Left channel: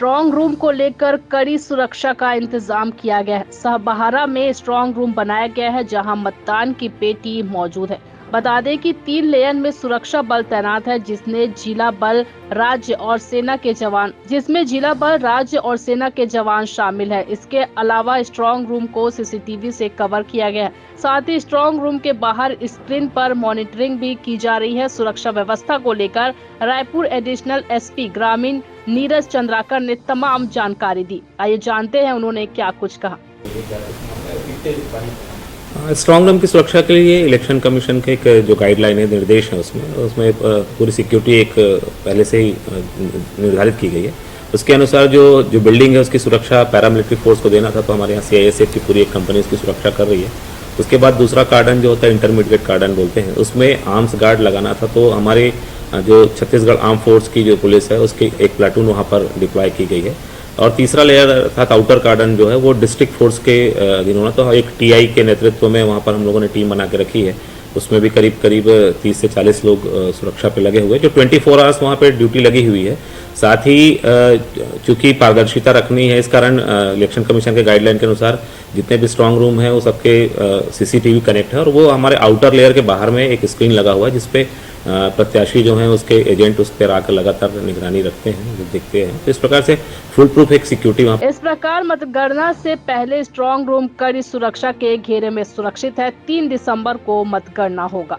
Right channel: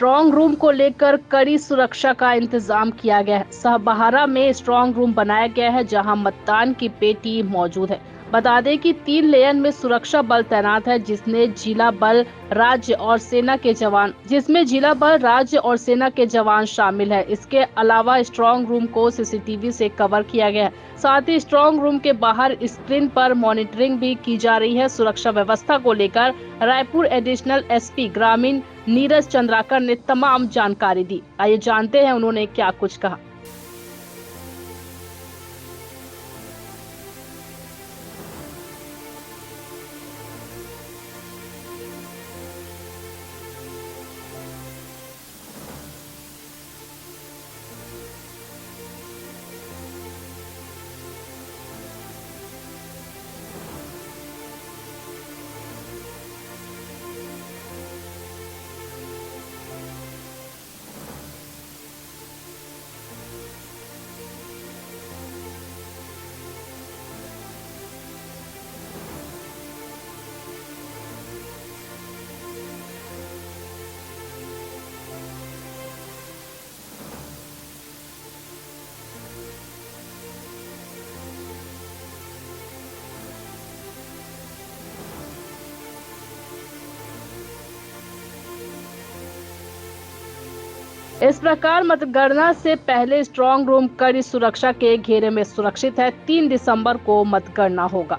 Strong room को लेकर कड़ी सुरक्षा का इंतजाम किया गया है। सहबहारा में स्ट्रॉन्ग रूम बनाया गया है जहां मतदान की पेटी मौजूद है। बता दें कि 3 लेन में सुरक्षा बल तैनात है जिसमें जिला बल राज्य और सेना के जवान शामिल है। इसके अलावा स्ट्रॉन्ग रूम को सीसीटीवी से कवर किया गया है। साथ ही स्ट्रॉन्ग रूम के बाहर स्क्रीन पर मॉनिटरिंग भी की जा रही है। सुरक्षा व्यवस्था को लेकर रायपुर एडिशनल एसपी ग्रामीण नीरज चंद्राकर ने तमाम जानकारी दी। आइए जानते हैं उन्होंने क्या कुछ कहा। स्ट्रॉन्ग रूम की सुरक्षा के लिए इलेक्शन कमीशन के एक जो गाइडलाइन है, निर्देश है, उसमें पूरी सिक्योरिटी एक पहले से ही निर्धारित की गई है। उसके अनुसार जो बिल्डिंग है उसकी सुरक्षा पैरामिलिट्री फोर्स को देना था, तो हमारे यहाँ CISF की पूरी एक कंपनी उसकी सुरक्षा कर रही है। उसके बाद दूसरा कार्डन जो होता है, इंटरमीडिएट कार्डन बोलते हैं, उसमें आर्म्स गार्ड लगाना था, तो हमारे जो छत्तीसगढ़ आर्म फोर्स की जो पुलिस है उसकी एक प्लाटून वहाँ पर डिप्लॉय की गई है। और तीसरा लेयर अर्थात आउटर कार्डन जो है वो डिस्ट्रिक्ट फोर्स के अधीन होना, तो एक TI के नेतृत्व में वहाँ पर हम लोगों ने टीम बना के रखी है। उसमें भी करीब 30 से 40 लोग सुरक्षा पे लगे हुए, जो 24 आवर्स वहाँ पे ड्यूटी लगी हुई है। साथ ही चूंकि पारदर्शिता रखनी है, इस कारण इलेक्शन कमीशन के गाइडलाइन के अनुसार जितने भी स्ट्रांग रूम है वो सबके CCTV कनेक्ट है, और वो हमारे आउटर लेयर के बाहर में एक स्क्रीन लगा हुआ है जिसपे प्रत्याशी जो हैं उसके एजेंट उस पर आकर लगातार निगरानी रखते हैं, देखते हैं। तो इस प्रकार से फुल प्रूफ एक सिक्योरिटी वहाँ। इस प्रकार मतगणना से पहले स्ट्रॉन्ग रूम कड़ी सुरक्षा के घेरे में सुरक्षित है। 3 दिसंबर को मतगणना होगा।